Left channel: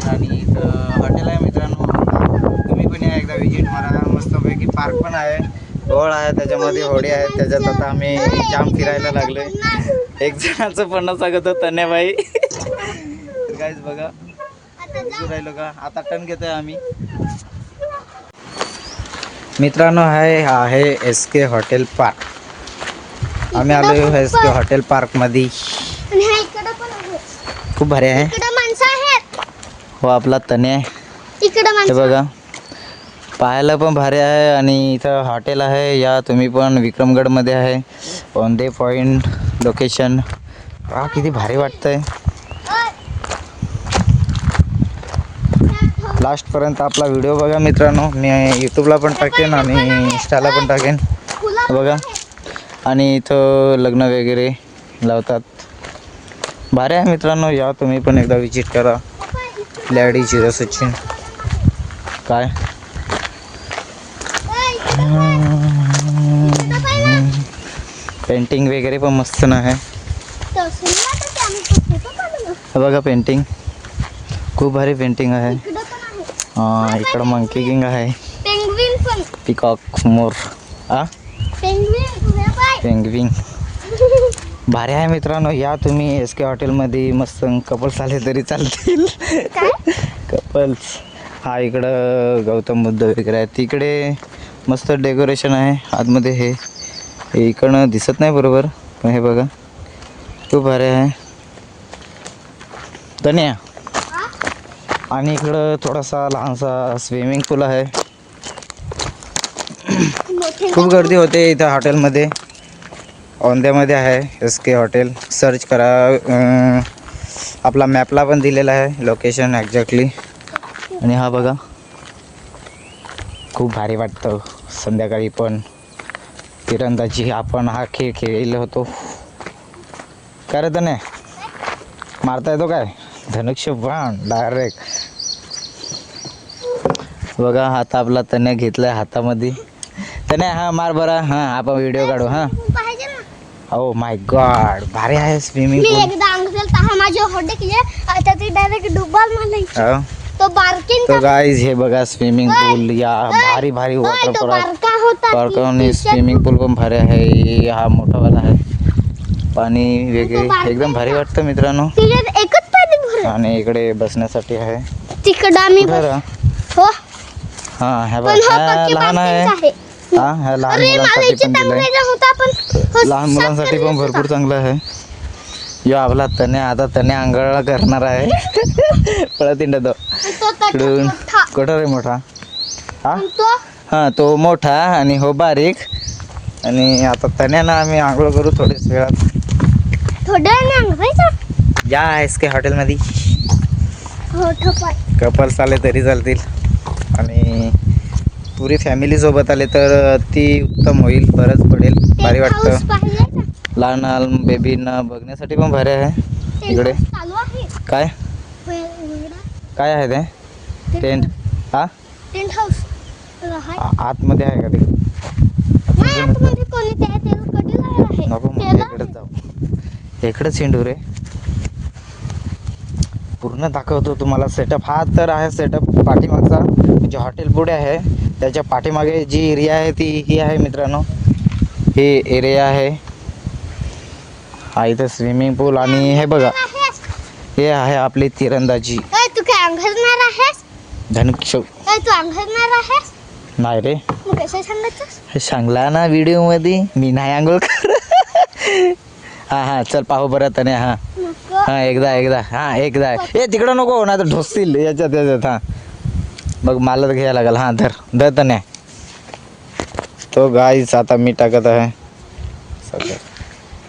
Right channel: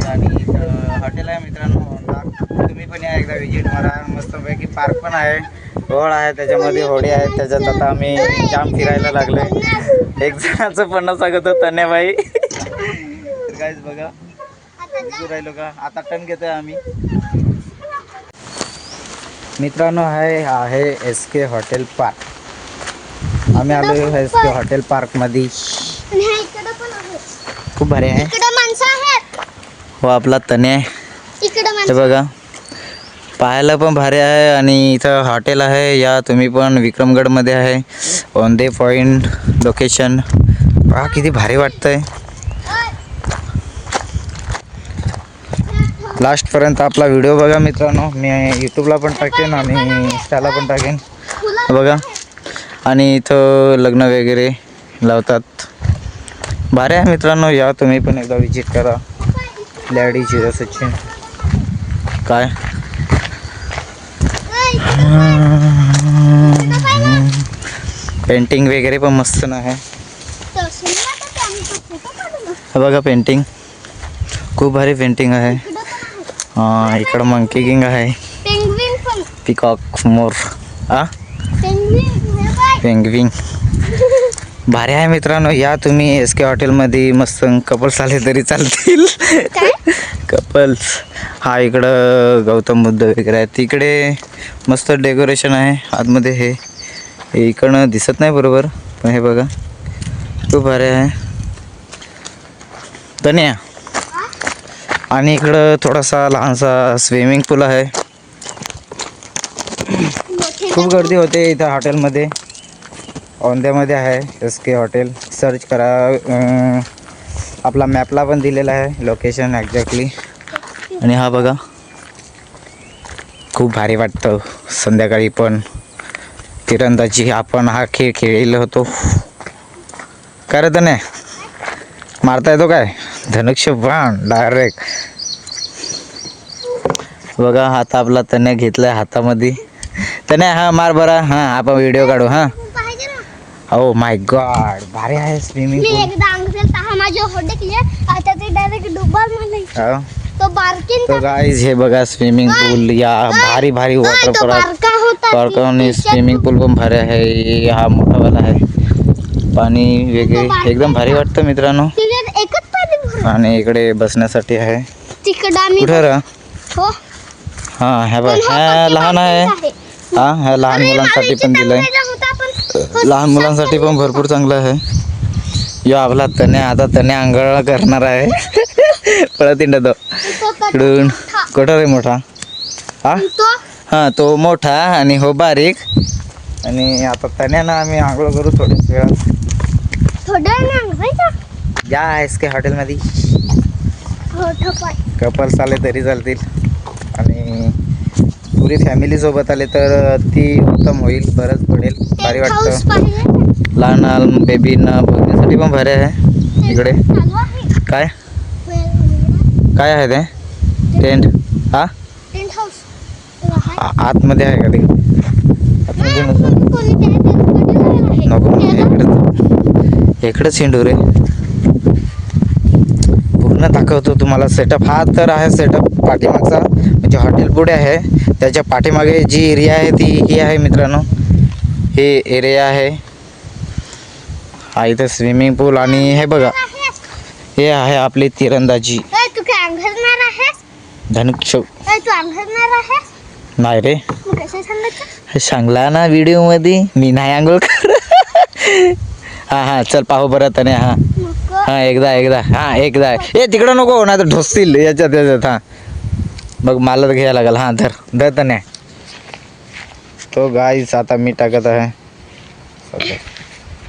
आहे आणि इथं हॉटेल आहे मित्रांनो, तुम्ही पण या एकदा विजिट मारा. मस्तपैकी पार्क पण आहे, होळ आहे, त्याच्यामध्ये होडी आहे. त्याच्यात आता आम्ही जाम फिरायला लागले. एक जणाचं पण सांगत होतं तन्याबाई. तर काहीच बघा राहिलो का आता टर्न घेतोय आम्ही मित्रांनो. आहे SK हॉटेल पार्क. आम्ही आलो SK हॉटेल पार्क मध्ये. खूप भारी आहे हो आपला तने. हे बघा पाहायला पण भारी आहे आणि इथं हॉटेल आहे. या तुम्ही पण विक्रमगड मध्ये आहे. On the point location. किती भारी वाटतंय. लास्टपर्यंत आपला व्हिडिओ बघा मित्रांनो. मी यूट्यूबला पण टाकेन आणि इंस्टाला पण टाकेन बघा. आणि इथं लग्न वगैरे लावतात. भारी आहे मित्रांनो, या तुम्ही पण एकदा विजिट करा. लॅडी जिरो सचिन काय पेंटिंग वगैरे पण मस्त ना आहे. बघा पेंटिंग खूप भारी पेंटिंग आहे. इकडं मंकी किंग आहे, पिकॉक मोर पेंग्विन भारी आहे मित्रांनो. या तुम्ही SK हॉटेलमध्ये. मस्त कपल्स आले तरी चालतील. कपल्स इकडं गौतम बुद्ध वगैरे आहे. तिकडे मस्त डेकोरेशन आहे आतमध्ये. हे इकडनं दिसत नाही बरोबर पण हे बघा खूप भारी आहे तन्या. आणि इकडं थोडासा लहानसा स्विमिंग पूल आहे. खूप गर्दी होते इथं हॉटेलमध्ये. औंध्यामध्ये आहे SK हॉटेल. सर्च करा, आपला मॅपला पण दिलेला आहे लोकेशन एक्झॅक्टली. आणि हा बघा खूप भारी वाटतं संध्याकाळी पण. तिरंदाजी आपण हा खेळ खेळलेलो होतो. काय रे तने मारता येतो काय धनुष्य बाण डायरेक्ट. बघा हात आपला तने घेतलाय हातामध्ये. तने हा मार बरा. आपण व्हिडिओ काढू. ओ माय गॉड भारी आहे स्विमिंग पूल. तो गाइस हे बघा स्विमिंग पूल. या भारी भारी वॉटर पार्क आणि स्विमिंग पूल पण भारी आहे. हा मोठावाला आहे. पाणी वगैरे एकदम भारी वाटतं मित्रांनो. आणि इकडे बसण्यासाठी आहे. हा बघ लहान आहे. ह्या लहान मुलांसाठी पण दिलंय. लहान मुलांसाठी पण भरपूर चांगलं आहे. यो आपला तने आता तने आंघोळ करणार आहे. पळत तो इकडून कुठं रे मोठा. तो मोठा आणि हो बारीक. आणि आता तन्यानं आम्ही आंघोळ करू थोड्याच वेळात. या SK हॉटेलमध्ये कपल्स आले तरी चालतील आणि पुरी फॅमिली सोबत आले तर ती उत्तम होईल. बरंच पडेल. भारी वाटतं. लहान बेबींना बघण्यासाठी पण भारी आहे. इकडे काय काय आहे ते टेंट. आतमध्ये आहे का ते नको इकडेच हिंडू रे. पूर्ण दाखवतो तुम्हाला सेटअप. हा तर आहे सेटअप पाठीमागचा. म्हणजे हॉटेल पुढे आहे त्याच्या पाठीमागे जी एरिया आहे ती ही आहे मित्रांनो. हे एरिया आहे. इथं स्विमिंग पूल आणि हे बघा हे आहे आपली तिरंदाजी. धनुष्य नाही रे सांगला ना व्हिडिओ मध्ये मी नाही आंघोळ कर. हा चल पाहू बरं तने. एकदा एकदा तिकडं नको नाही तर ढोसतील याच्यात. बघ मला तर घ्यायला लागेल. धर तने. तो गाईस आता मी टाकत आहे सध्या.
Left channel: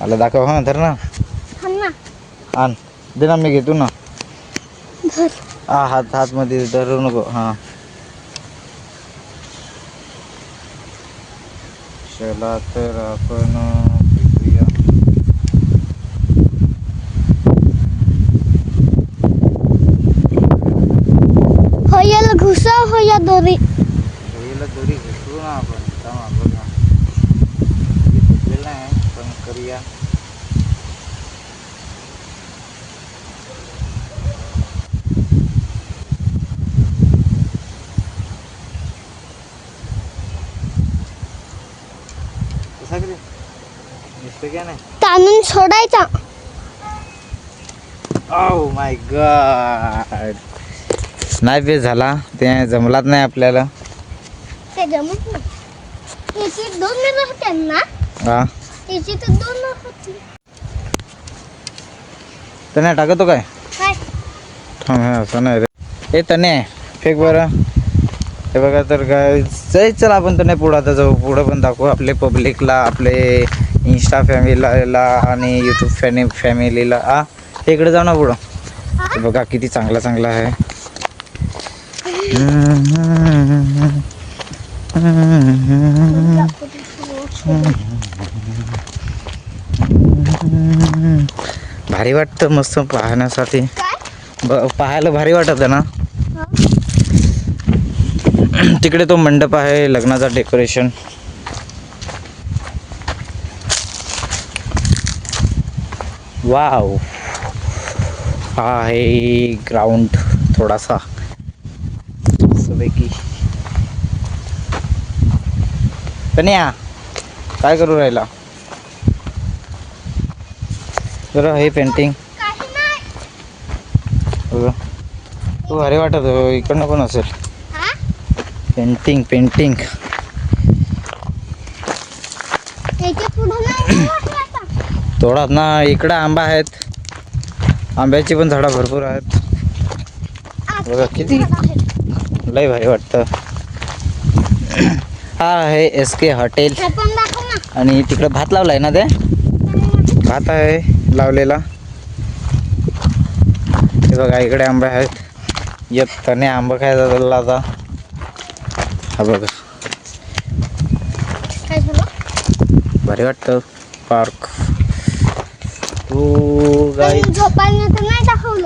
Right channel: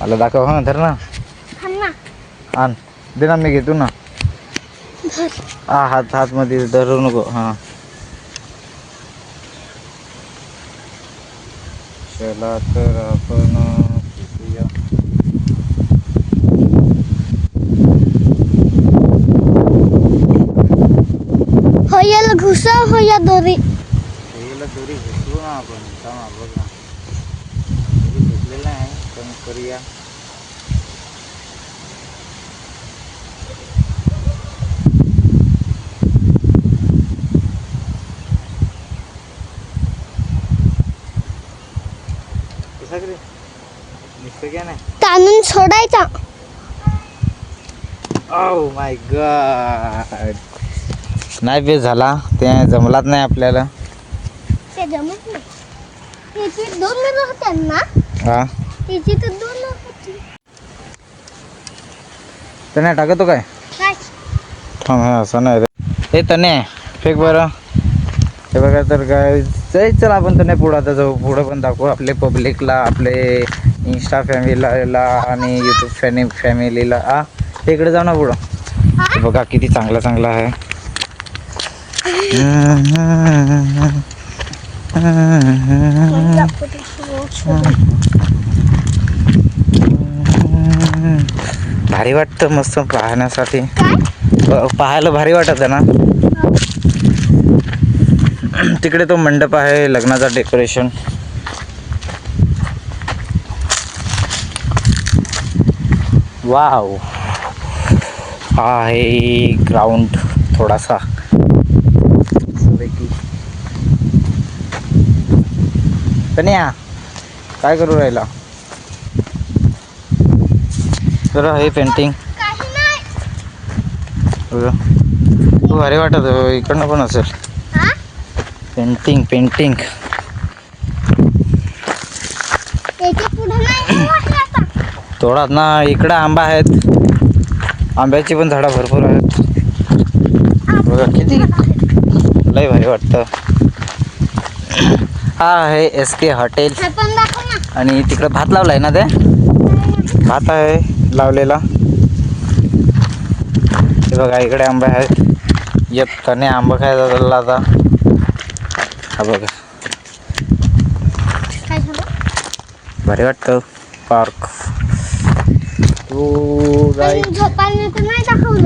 मला दाखव. धर ना आण दे ना मी घेतो ना. हात मध्ये धरू नको. चला तर आपण होयाला घुसा होया दोरी घुसवू ना आपण. बघा घेतलेलं आहे पण करूया. दिसतं का नाही? ताणून सोडायचा. ओ माय गॉड, नाही बेस झाला, ते जमलाच नाही आपल्याला. ते जमत नाही. याची 2 मिरं होत्या ना, हा याची तर 2 होती. तने टाकतो काय? हाय. थांब, हा असं नाही रे. हे तने फेक बरं. हे बघा तर काय, चल आपण तने पुढं आता जाऊ. पुढं पण दाखवू आपले पब्लिकला, आपले इंस्टा फॅमिलीला आणि यूट्यूब फॅमिलीला. हा इकडे जाऊ ना पुढं. हे बघा किती चांगला चांगला आहे. भारी वाटतं मस्त पाहण्यासाठी. पाहायला भारी वाटत ना. तिकडे तो मंडप आहे लग्नाचा डेकोरेशन. वाव, हा आहे ग्राउंड थोडासा पैकी. कन्या काय करू राहिला? जरा हे पेंटिंग बघा, तू भारी वाटत. इकडनं पण असेल पेंटिंग. थोडाच ना, इकडं आंबा आहेत, आंब्याची पण झाडं भरपूर आहेत. बघा किती लय भारी वाटतं. हा आहे SK हॉटेल. आणि तिकडं भात लावलाय ना, ते भात आहे लावलेला. हे बघा इकडे आंबे आहेत. येत तने आंबा खायचा चालला आता. हा बघा भारी वाटतं पार्क. तू गाय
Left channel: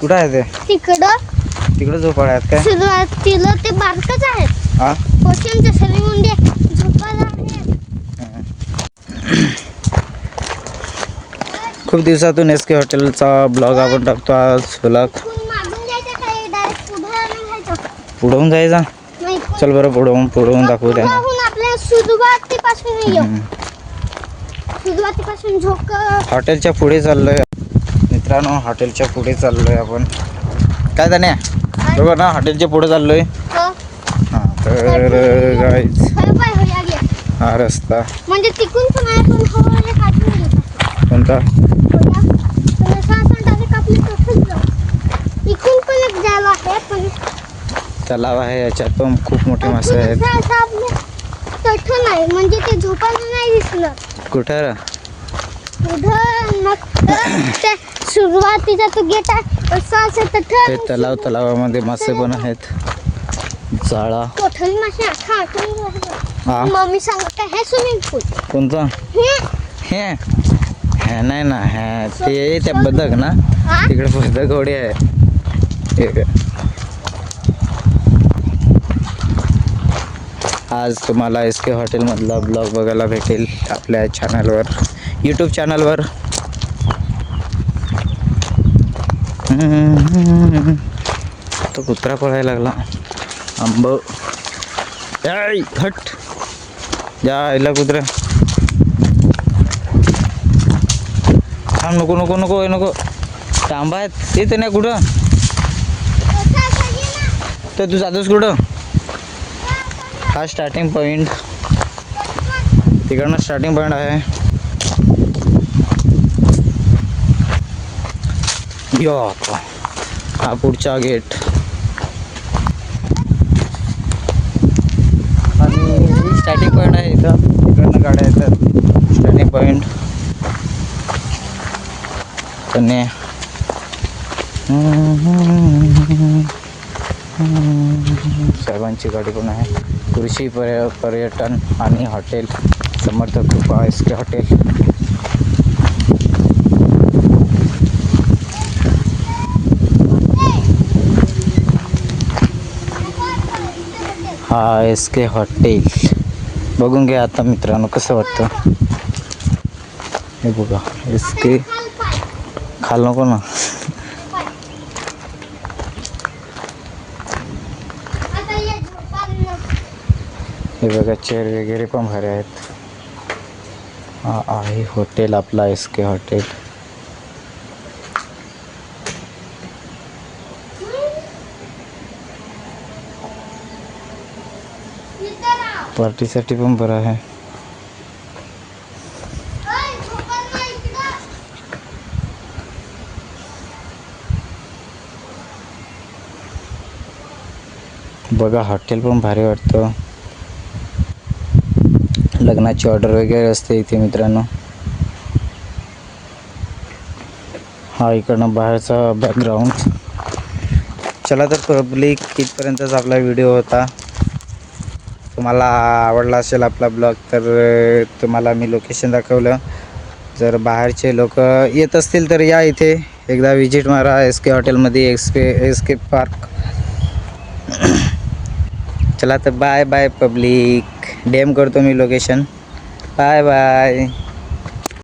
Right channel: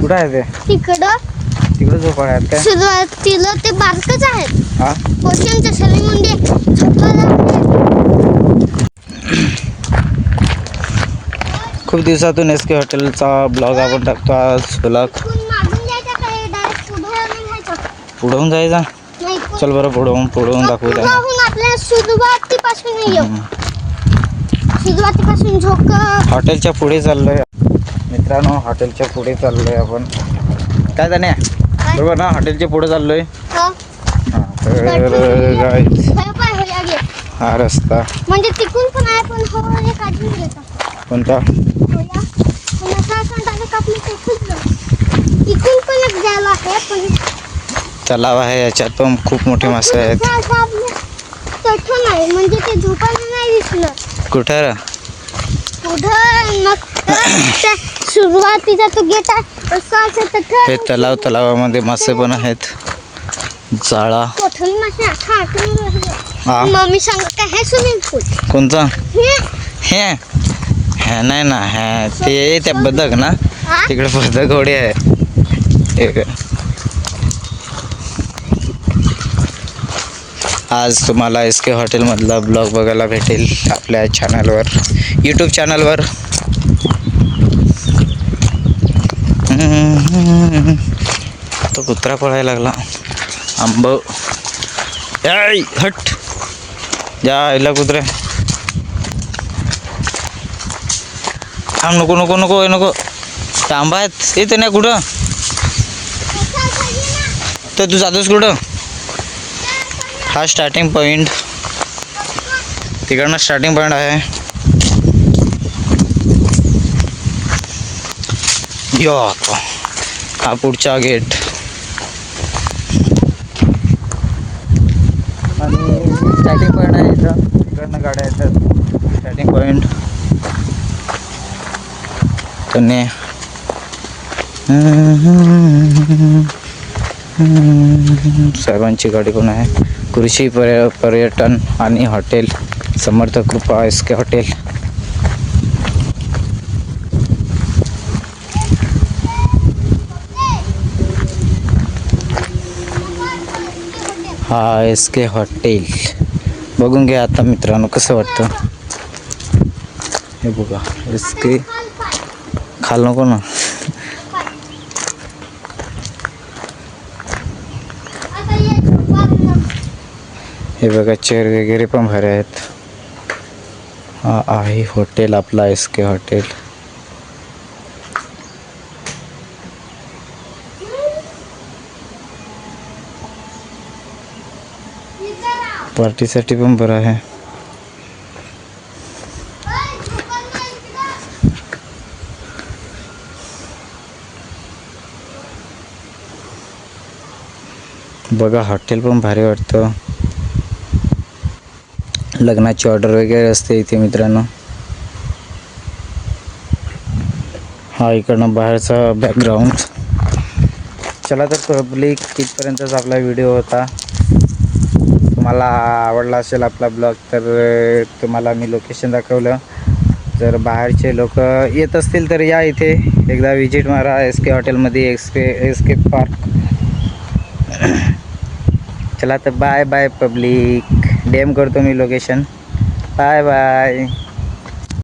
कुठं आहे? ते तिकडं झोपाळ आहेत काय? सुरुवातीला ते बारकच आहेत. हा पोषणच्या शरीरामध्ये खूप दिवसातून SK हॉटेलचा ब्लॉग आपण टाकतो. आज ब्लॉग पुढवून जायचा. चल बरं, पुढवून दाखवू द्या. सुरुवातीपासून झोक. हॉटेलच्या पुढे चाललोय मित्रांनो, हॉटेलच्या पुढे चाललोय आपण. काय जाणे बरोबर ना, हॉटेलच्या पुढे चाललोय. हा तर गाईज हा रस्ता म्हणजे तिकून पण आहे, पण हवा एक अजून कोणता? इकून पण एक जायला आहे, पण तलाव आहे, याच्यात पण खूप मोठे मासे आहेत. तठं नाही, म्हणजे ते झोपायला नाही दिसलं. कुठं रे? उधर मग त्या सुरुवातीचा तो गेट आहे असं असं तठं. हे तलावामध्ये मासे पण आहेत. जाळा. कोठली मासे हा मम्मी सांगत काय हे स्विमिंग पूल कोणता? हे हे नाही ना, हे ते त्या बदक ना, तिकडे बदक होडी आहे. एक आज तुम्हाला SK हॉटेलमधला ब्लॉग बघायला भेटेल आपल्या चॅनलवर, यूट्यूब चॅनलवर. तो कुत्रा पळायला लागला. आंब हट जा आईला कुत्र्या. थांब, नको नको नको नको. ते आंबा आहेत येते नाही कुठं. तर तू जातोस कुठं? हा स्टार्टिंग पॉईंट, तिकडनं स्टार्टिंग पॉईंट आहे. यो हा पुढचा गेट. आणि स्टार्टिंग पॉईंट आहे इथं, इकडनं गाड्या येतात. स्टार्टिंग पॉईंट कन्या. साहेबांची गाडी पण आहे. कृषी पर्यटन आणि हॉटेल समर्थ कृपा SK हॉटेल. हा SK हॉटेल बघून घ्या आता मित्रांनो, कसं वाटतं हे बघा. SK खाल नको ना. हे बघा चेअर वगैरे पण भारी आहेत. हा आहे हॉटेल आपला SK हॉटेल. पार्टीसाठी पण बरं आहे. बघा हॉटेल पण भारी वाटतं. लग्नाची ऑर्डर वगैरे असते इथे मित्रांनो. हा इकडनं बाहेरचा बॅकग्राऊंड. चला तर पब्लिक, इथपर्यंतच आपला व्हिडिओ होता. तुम्हाला आवडला असेल आपला ब्लॉग तर तुम्हाला मी लोकेशन दाखवलं. जर बाहेरचे लोक येत असतील तर या इथे एकदा विजिट मारा SK हॉटेलमध्ये, SK पार्क. चला तर बाय बाय पब्लिक. DM करतो मी लोकेशन. Bye bye.